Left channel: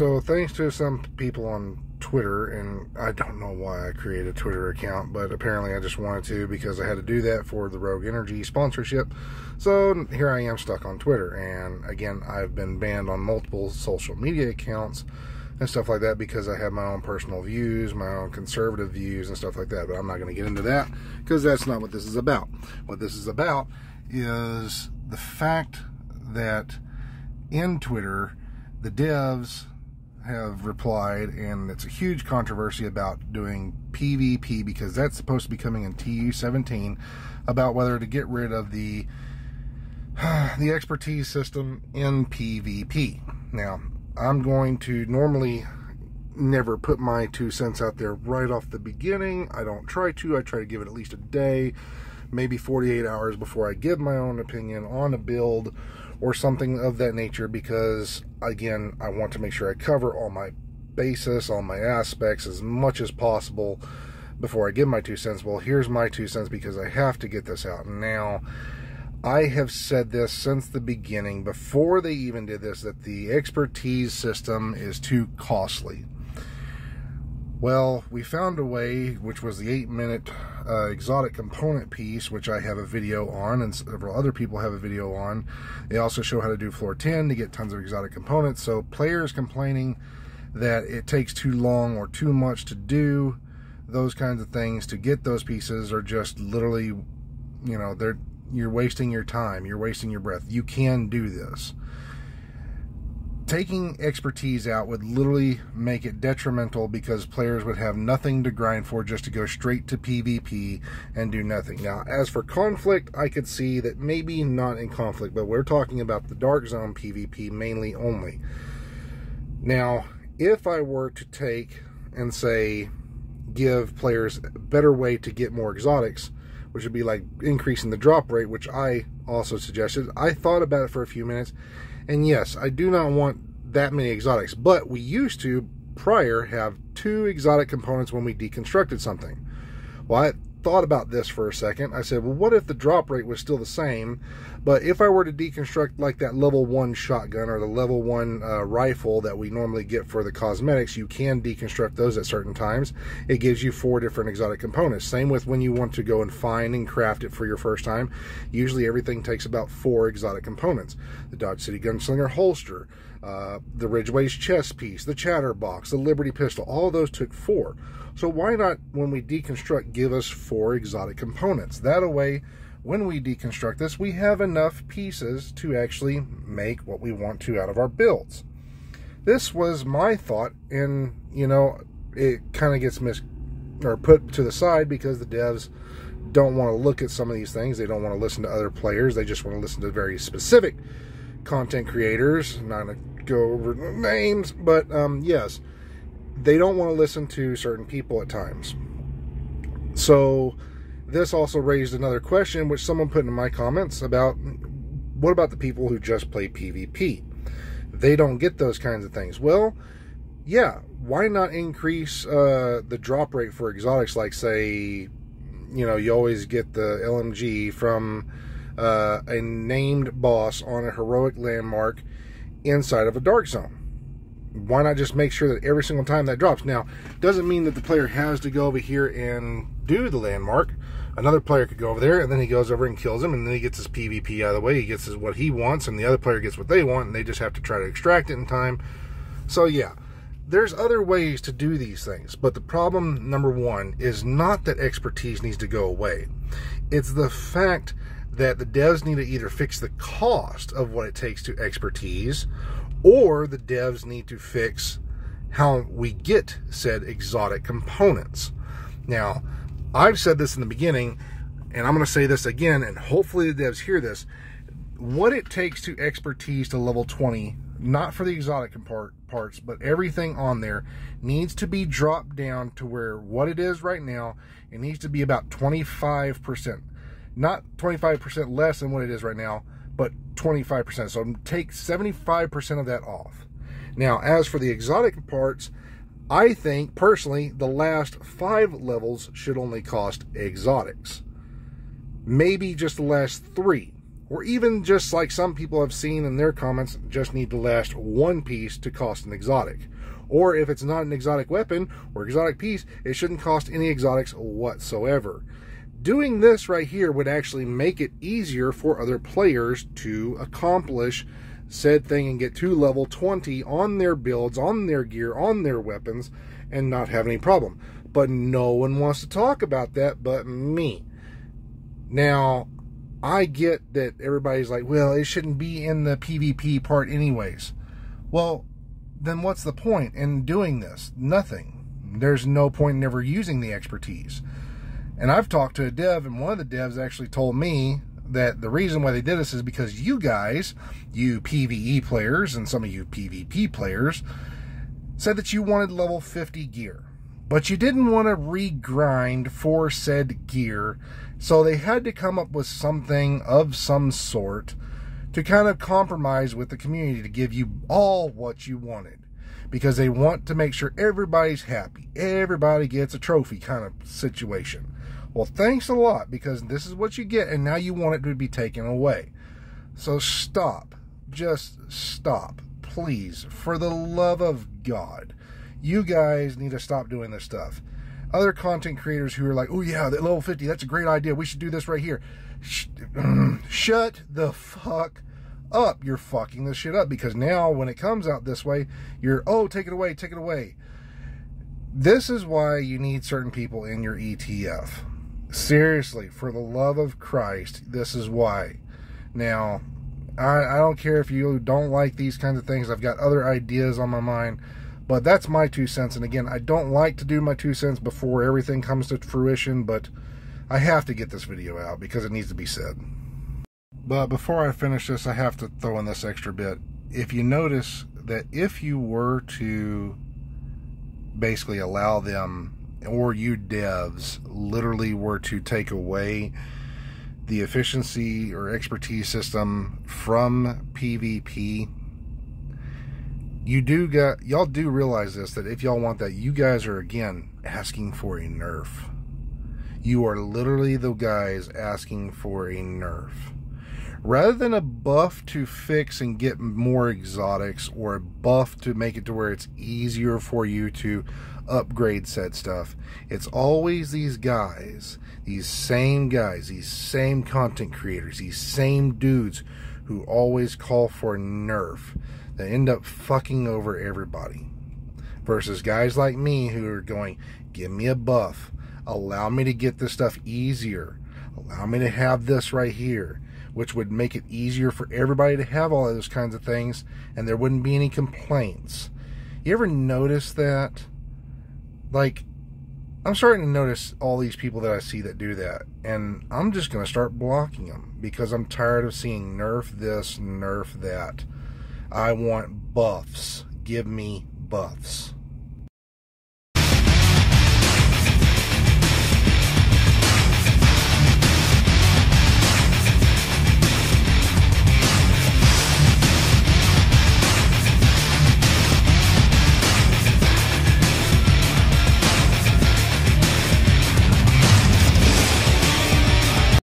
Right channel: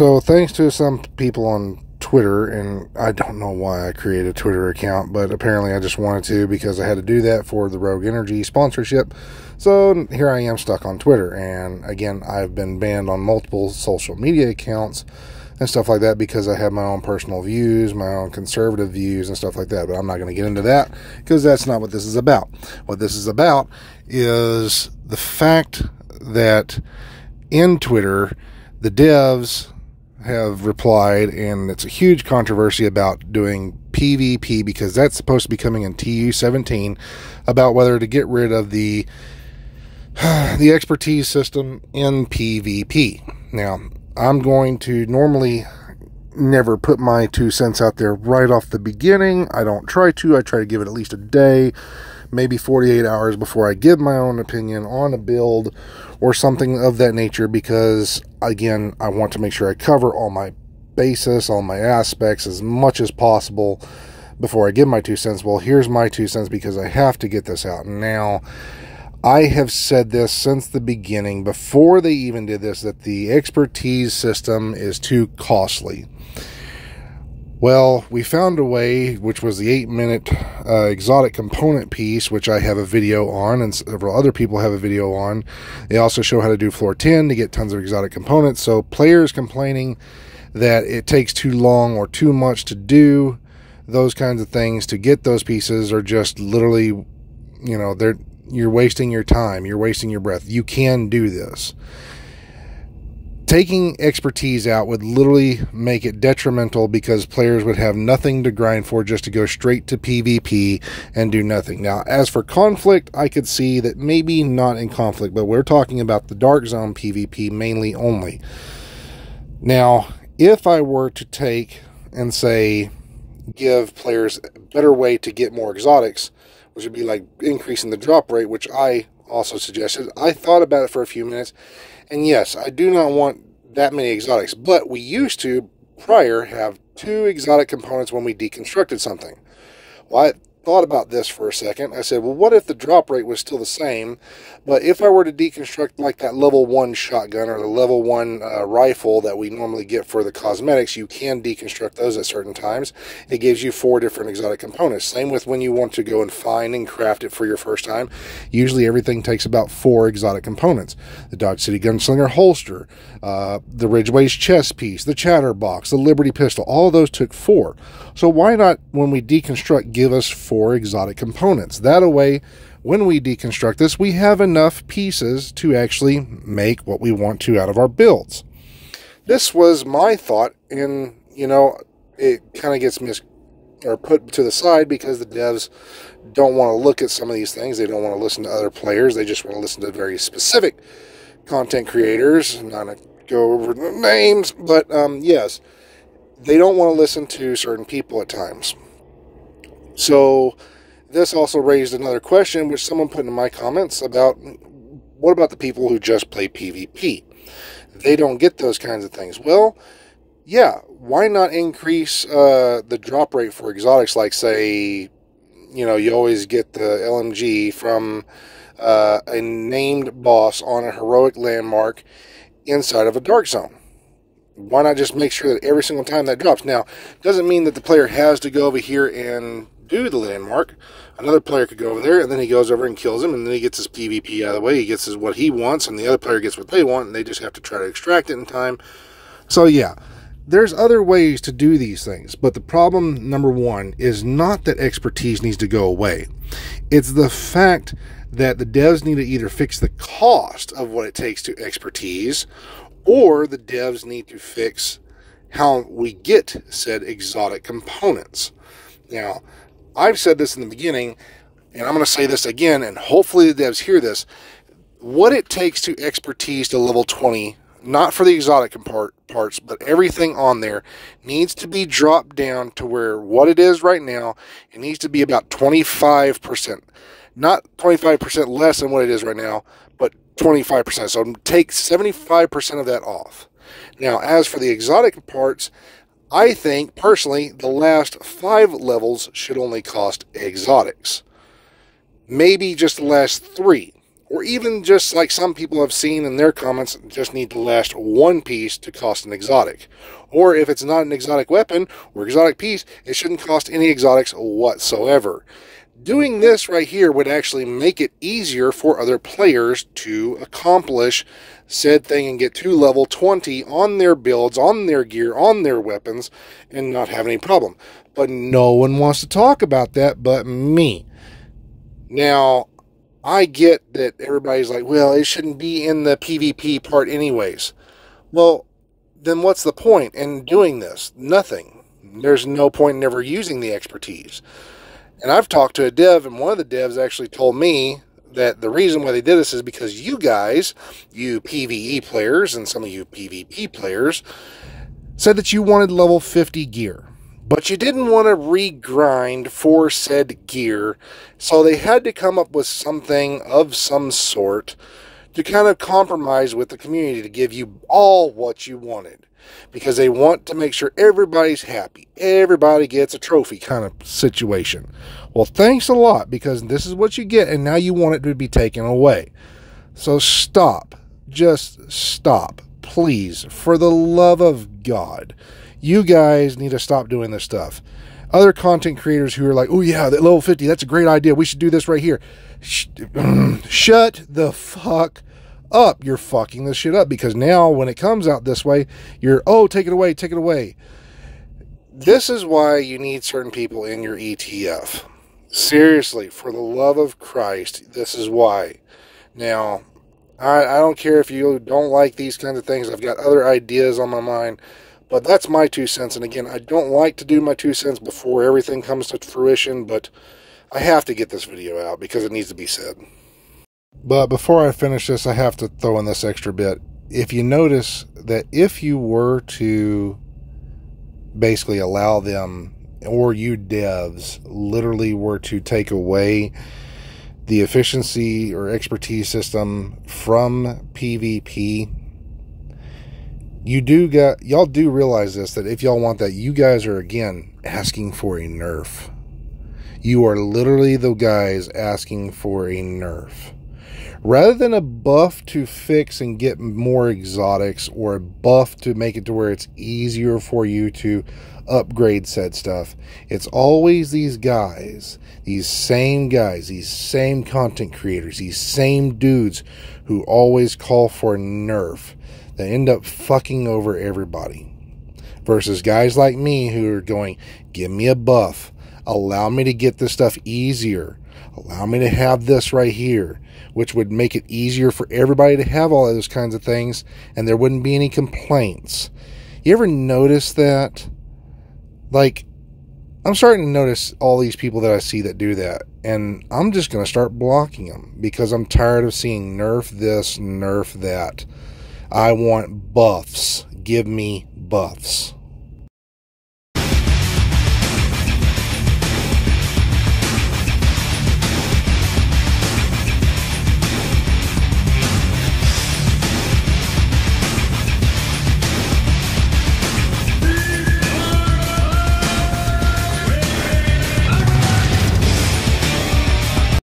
So thanks to some people on Twitter, and I don't know why I created a Twitter account, but apparently I just wanted to because I had to do that for the Rogue Energy sponsorship. So here I am stuck on Twitter, and again, I've been banned on multiple social media accounts and stuff like that because I have my own personal views, my own conservative views and stuff like that, but I'm not going to get into that because that's not what this is about. What this is about is the fact that in Twitter, the devs have replied, and it's a huge controversy about doing PvP because that's supposed to be coming in TU17, about whether to get rid of the expertise system in PvP. Now, I'm going to normally never put my 2 cents out there right off the beginning. I don't try to. I try to give it at least a day, maybe 48 hours before I give my own opinion on a build or something of that nature, because again, I want to make sure I cover all my basis, all my aspects as much as possible before I give my 2 cents. Well, here's my 2 cents because I have to get this out. Now, I have said this since the beginning, before they even did this, that the expertise system is too costly. Well, we found a way, which was the 8-minute exotic component piece, which I have a video on, and several other people have a video on. They also show how to do floor 10 to get tons of exotic components. So players complaining that it takes too long or too much to do those kinds of things to get those pieces are just literally, you know, you're wasting your time. You're wasting your breath. You can do this. Taking expertise out would literally make it detrimental because players would have nothing to grind for, just to go straight to PvP and do nothing. Now, as for conflict, I could see that maybe not in conflict, but we're talking about the Dark Zone PvP mainly only. Now, if I were to take and say, give players a better way to get more exotics, which would be like increasing the drop rate, which I also suggested. I thought about it for a few minutes, and yes, I do not want that many exotics, but we used to, prior, have 2 exotic components when we deconstructed something. Well, I thought about this for a second. I said, well, what if the drop rate was still the same, but if I were to deconstruct like that level 1 shotgun or the level 1 rifle that we normally get for the cosmetics, you can deconstruct those at certain times. It gives you 4 different exotic components. Same with when you want to go and find and craft it for your first time. Usually everything takes about 4 exotic components. The Dodge City Gunslinger holster, the Ridgeway's chest piece, the Chatterbox, the Liberty pistol, all those took 4. So why not, when we deconstruct, give us 4 exotic components? That way, when we deconstruct this, we have enough pieces to actually make what we want to out of our builds. This was my thought, and, you know, it kind of gets put to the side because the devs don't want to look at some of these things. They don't want to listen to other players. They just want to listen to very specific content creators. I'm not going to go over the names, but yes, they don't want to listen to certain people at times. So this also raised another question, which someone put in my comments about, what about the people who just play PvP? They don't get those kinds of things. Well, yeah, why not increase the drop rate for exotics? Like, say, you know, you always get the LMG from a named boss on a heroic landmark inside of a Dark Zone. Why not just make sure that every single time that drops? Now, doesn't mean that the player has to go over here and do the landmark. Another player could go over there, and then he goes over and kills him, and then he gets his PvP out of the way. He gets what he wants, and the other player gets what they want, and they just have to try to extract it in time. So, yeah, there's other ways to do these things. But the problem, number one, is not that expertise needs to go away. It's the fact that the devs need to either fix the cost of what it takes to expertise, or the devs need to fix how we get said exotic components. Now, I've said this in the beginning, and I'm going to say this again, and hopefully the devs hear this. What it takes to expertise to level 20, not for the exotic parts, but everything on there, needs to be dropped down to where what it is right now, it needs to be about 25%. Not 25% less than what it is right now, but 25%. So take 75% of that off. Now, as for the exotic parts, I think, personally, the last 5 levels should only cost exotics. Maybe just the last 3. Or even just like some people have seen in their comments, just need to last one piece to cost an exotic. Or if it's not an exotic weapon or exotic piece, it shouldn't cost any exotics whatsoever. Doing this right here would actually make it easier for other players to accomplish said thing and get to level 20 on their builds, on their gear, on their weapons, and not have any problem. But no one wants to talk about that but me. Now, I get that everybody's like, well, it shouldn't be in the PvP part anyways. Well, then what's the point in doing this? Nothing. There's no point in ever using the expertise. And I've talked to a dev, and one of the devs actually told me that the reason why they did this is because you guys, you PvE players and some of you PvP players, said that you wanted level 50 gear. But you didn't want to regrind for said gear, so they had to come up with something of some sort to kind of compromise with the community to give you all what you wanted. Because they want to make sure everybody's happy. Everybody gets a trophy kind of situation. Well, thanks a lot, because this is what you get, and now you want it to be taken away. So stop. Just stop. Please, for the love of God. You guys need to stop doing this stuff. Other content creators who are like, oh yeah, that level 50, that's a great idea. We should do this right here. Shut the fuck up. You're fucking this shit up, because now when it comes out this way, you're, oh, take it away, take it away. This is why you need certain people in your ETF. Seriously, for the love of Christ, this is why. Now, I don't care if you don't like these kinds of things. I've got other ideas on my mind. But that's my 2 cents. And again, I don't like to do my 2 cents before everything comes to fruition, but I have to get this video out because it needs to be said. But before I finish this, I have to throw in this extra bit. If you notice that if you were to basically allow them, or you devs literally were to take away the efficiency or expertise system from PvP, y'all do realize this, that if y'all want that, you guys are again asking for a nerf. You are literally the guys asking for a nerf. Rather than a buff to fix and get more exotics, or a buff to make it to where it's easier for you to upgrade said stuff, it's always these guys, these same content creators, these same dudes who always call for nerf. They end up fucking over everybody. Versus guys like me who are going, give me a buff. Allow me to get this stuff easier. Allow me to have this right here. Which would make it easier for everybody to have all of those kinds of things. And there wouldn't be any complaints. You ever notice that? Like, I'm starting to notice all these people that I see that do that. And I'm just going to start blocking them. Because I'm tired of seeing nerf this, nerf that. I want buffs. Give me buffs.